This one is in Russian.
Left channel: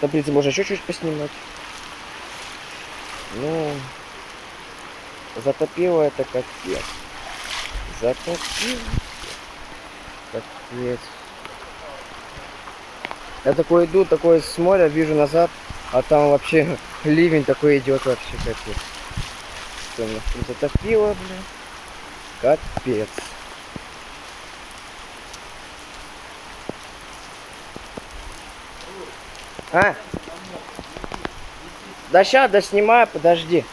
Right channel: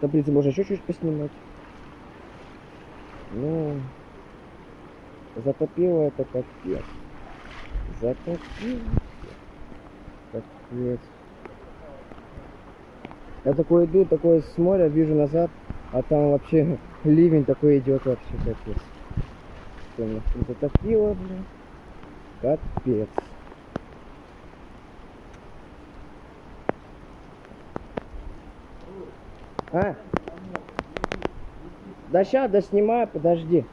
Таблицы можно еще чуть поснимать. Ну, затопило это капец. Затопило. Капец. Я такой иду, такой с моря, вижу назад, а там вообще ливень такой идет вообще, капец. Что, нас там затопило, блин. Капец. А? Да ща, да снимай, подожди.